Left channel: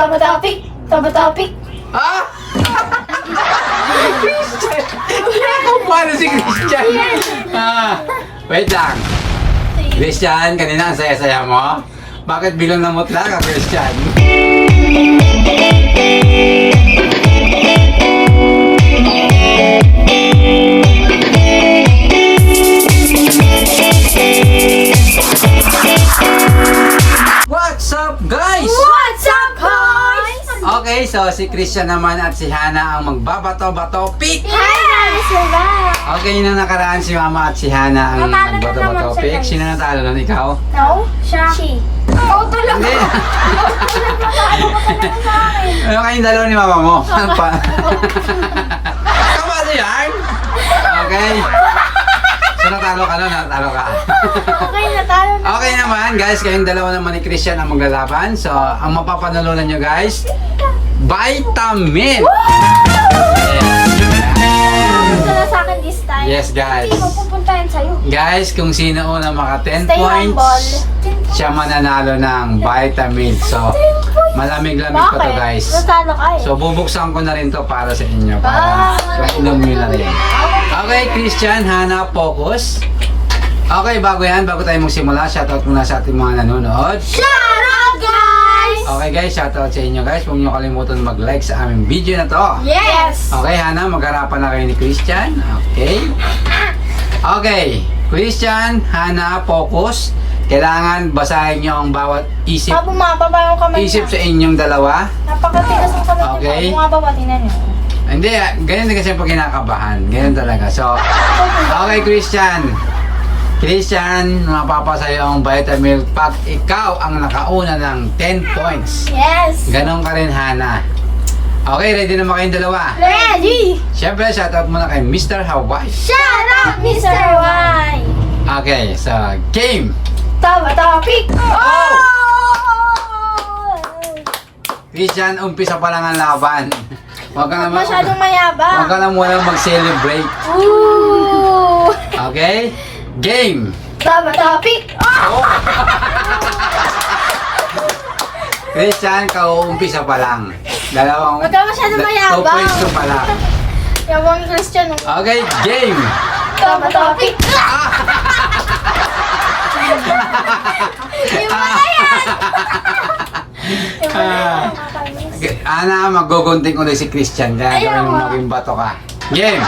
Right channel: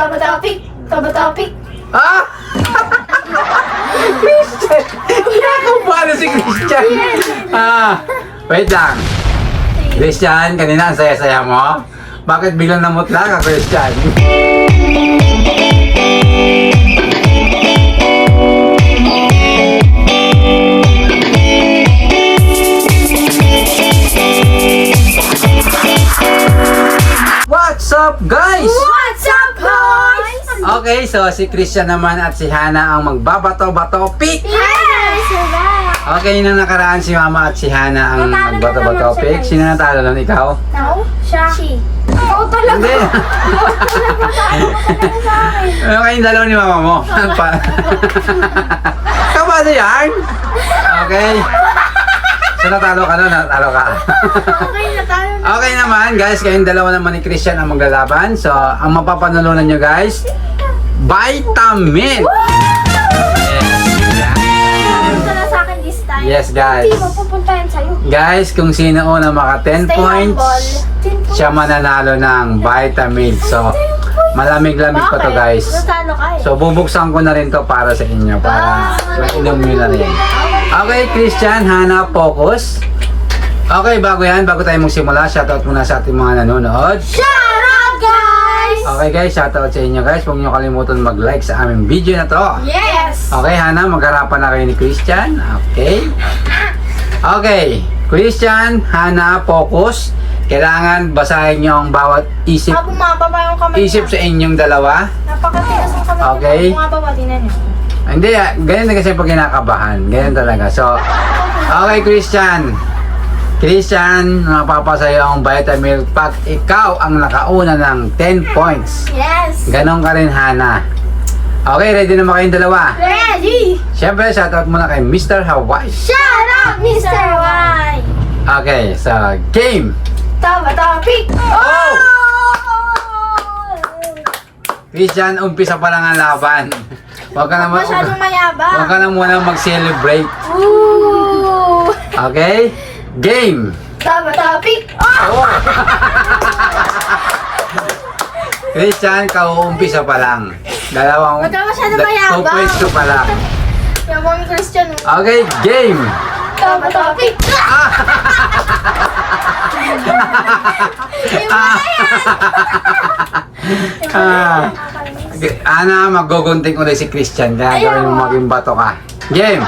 Tama topic. Tama topic. Ah! Christian! Paano si Christian? Wait lang. Christian, kanina ang saya-saya mo. Bakit biglang namutla ka, Christian? What's up, guys? What's up, boys? Okay, so si Christian naman at si Hana ang magbabato-bato pick. Okay, nang nakaraan si Mama at si Hana ang magbato-bato pick. Sino natalo nun, ikaw? No, siya. She. Oo talaga. Hindi. Ano kayong dalawa ni Mama mo? Kamali yan? Okay. So natalo ka nun, natalo ka. Okay, natalo na. Okay naman guys, kayong dalawa naman ni Christian ang maglalaban. So, ang mapapanalunan nyo guys, vitamin! Gusto na sa akin this time. Yes guys. Hindi mo pupuntahan sa'yo. Guys, kung sino una maka 10 Stay points, humble. siya mananalo ng vitamin. So, malamig-lamig pa to guys. Natalo ka eh. So, bubuksan ko na rin to para sa inyo. Para inom nyo na rin. Okay, Christian, Hana, focus. Okay, bago tayo magsimula, shoutout muna sa ating mga nanonood. Shout out, guys! Okay guys, shoutout sa inyo guys. Huwag nyo kalimutan mag-like sa aming video na to. Yes! Okay, Hana, magharapan na kayo ni Christian. Okay. Okay, Christian, Hana, focus. Kailangan basahin nyo ang bawat isip Bumababa yung kamay sa inyong dalawa. Napakatigas ng kamay Okay. niya. Bumababa, tinan niyo. Hindi, ganyan na kasi pag kinakabahan. Ganyan talaga. So, okay, Christian. Christian, mapapasayo ang vitamin pag ikaw ang nakauna ng 10 points. Yes! Ganon ka rin, Hana. Okay, ready na ba kayong dalawa? Ready! Siyempre, shoutout muna kay Mr. Hawaii. Shout out, Mr. Y! Okay, so, game! Tama topic! Oh! Christian, umpisa pa lang ang laban. Huwag ka na Masyadong mayabang. Huwag ka na muna mag-celebrate. Ooh! Okay? Game! Tama topic! Oh! Christian, kauumpisa pa lang. Dalawang... Huwag ka masyadong mayabang. 2 points pa lang. Yabang Christian. Okay, game! Tama topic! Ana, mag-gogunting ulit si Christian. Kaya gawin mo maging bato ka. Game!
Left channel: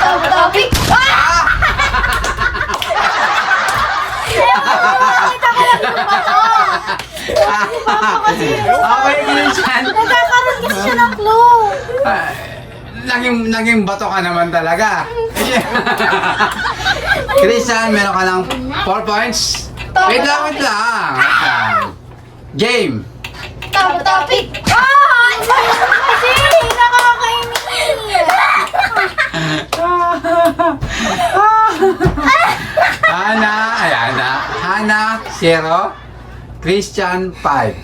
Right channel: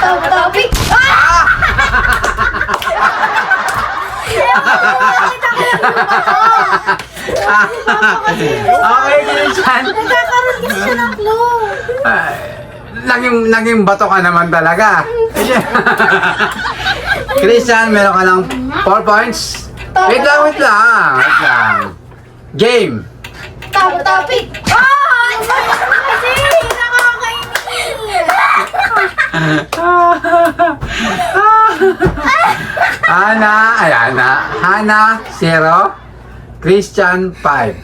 Tama topic! Okay, Christian. Nagkakaroon kasi siya ng clue. Naging bato ka naman talaga. Christian, meron ka lang 4 points. Wait lang. Game! Tama topic! Kasi nakakainis! Hana, 0. Christian, 5.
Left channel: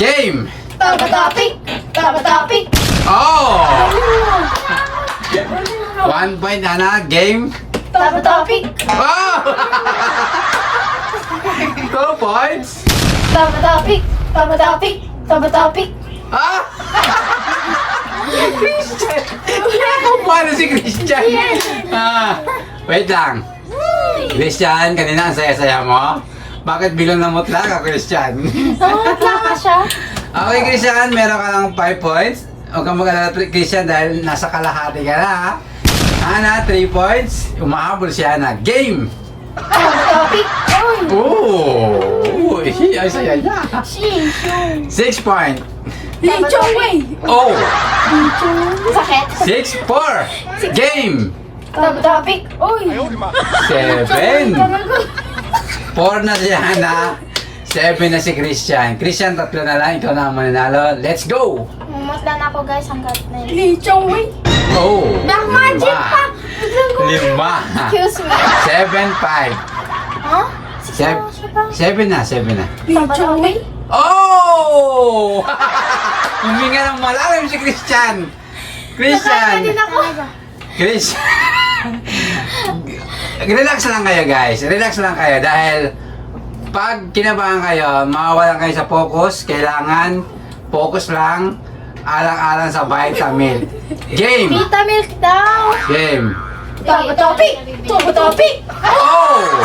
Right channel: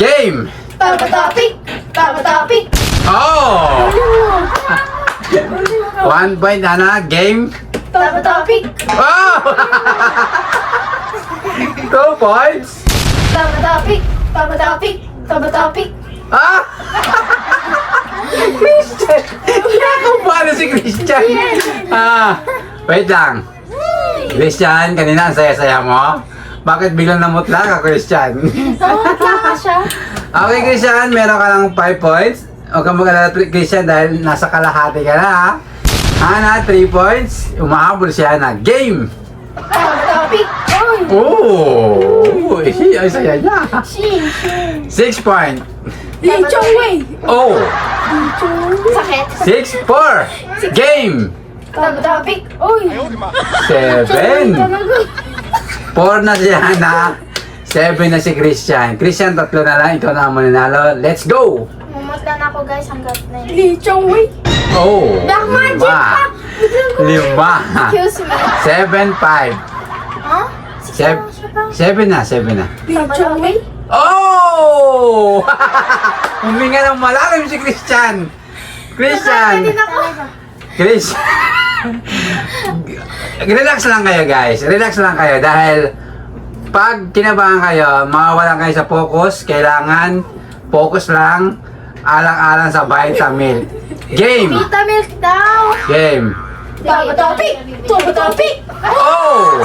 Game! Tama topic! Tama topic! Oh! 1 point, Hana. Game! Tama topic! Oh! 2 points! Tama topic! Tama topic! Tama topic! Ah! Christian! Paano si Christian? Wait lang. Christian, kanina ang saya-saya mo. Bakit biglang namutla ka, Christian? Namutla ka siya? Okay, Christian, meron ka lang 5 points. Huwag kang mag-alala, Christian, dahil nasa kalahati ka na, ha? Hana, 3 points. Umahabol si Hana. Game! Tama topic! Oh! Ay, saya niya. 6 point. Licho way! Oh! Sakit! 6-4. Game! Tama topic! Uy! 7. 4 na si Hana. 7 na si Christian. Christian, 3 na lang. Ikaw na ang mananalo. Let's go! Mumutla na ako guys hanggat na yun. Licho way! Oh! Black magic pa! 5. Excuse me. 7-5. Huh? 7 na. Licho way? Oh! Huminga ng malalim si Christian. Christian. Nakakadin ako. Christian. Relax lang kayo guys. Relax lang kayo dahil pag kinabahan kayo, mawawalan kayo sa focus. Kailangan Focus lang. Alang-alang sa Vitamilk. Game! Vitamilk daw. Game! Tama topic. Tama topic. Oh!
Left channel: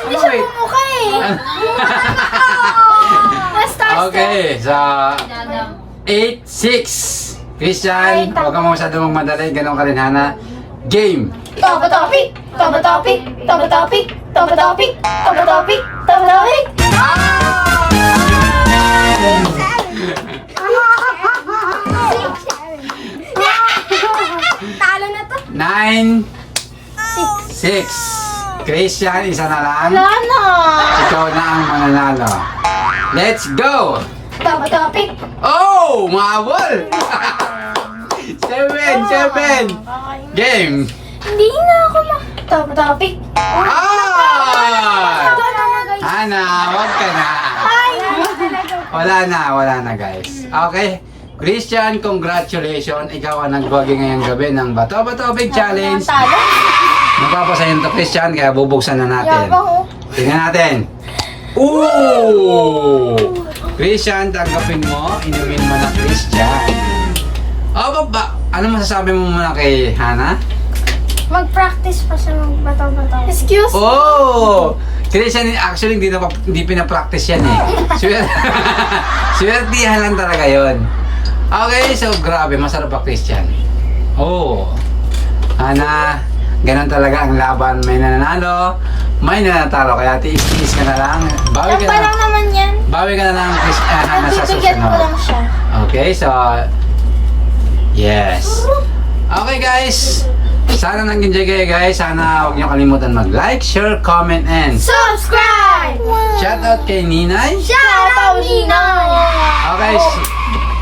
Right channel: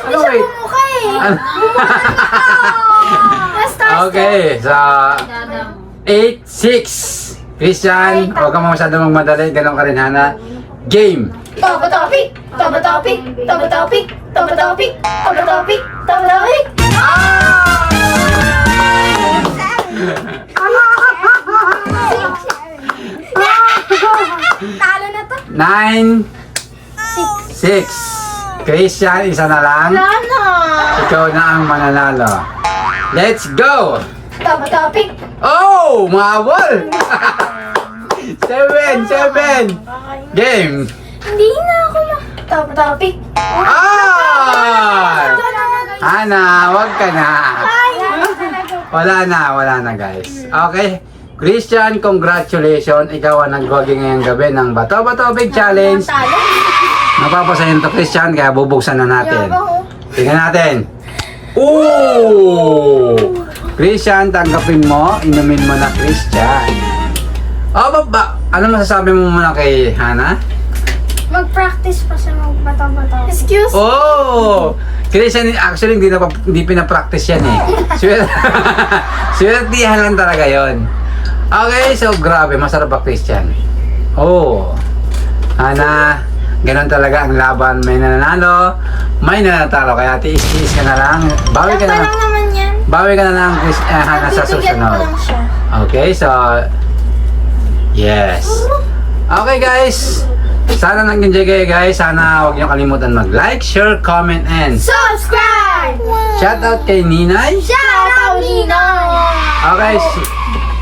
Hindi Ano, siya wait? bumukha eh. Ano? Start. Okay, so 8-6. Christian, huwag ka masyadong magmadali. Ganon ka rin, Hana. Game! Tama topic. Tama topic. Tama topic. Tama topic. Tama topic. Tama topic. Talo na to. 9, 6. Christian, isa na lang. Wala na. Ikaw na ang mananalo. Let's go! Tama topic. Oh! Mabol! 7! Game! Hindi na ako Tama topic. Ah! Hana, wag ka na. Ay! Wala na guys. Okay. Christian, congratulations. Ikaw ang nagwagi ngayong gabi ng Bato Bato Big Challenge. Talo. Napapasayin to Christian, kaya bubuksan na natin. Yabang oh. Tingnan natin. Ooh! Christian, tanggapin mo. Inumin mo na Christian. Oh, ano masasabi mo muna kay Hana? Mag-practice pa siya ng bato-bato. Excuse? Oh! Christian, actually, hindi pinapractice yan eh. Swertihan lang talaga yon. Okay, so grabe, masarap ba Christian? Oh! Hana, ganun talaga ang laban. May nananalo, may nanatalo. Kaya tiis-tiis ka na lang. Bawi ka Tapa na. lang naman yan. Bawi ka na lang, Hana, sa Bibigyan ko susunod. lang siya. Okay, so yes. Okay guys, sana nag-enjoy kayo guys. Sana huwag niyo kalimutan mag-like, share, comment, and Subscribe! shout out kay Ninay. Shout out, Nina! Okay,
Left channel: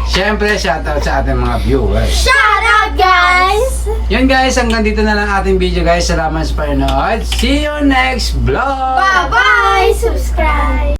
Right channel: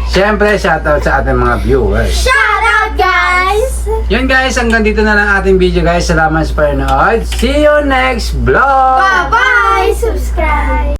syempre shout out sa ating mga viewers. Shout out, guys! Yun guys, hanggang dito na lang ating video guys. Salamat sa panonood. See you next vlog! Bye-bye! Subscribe!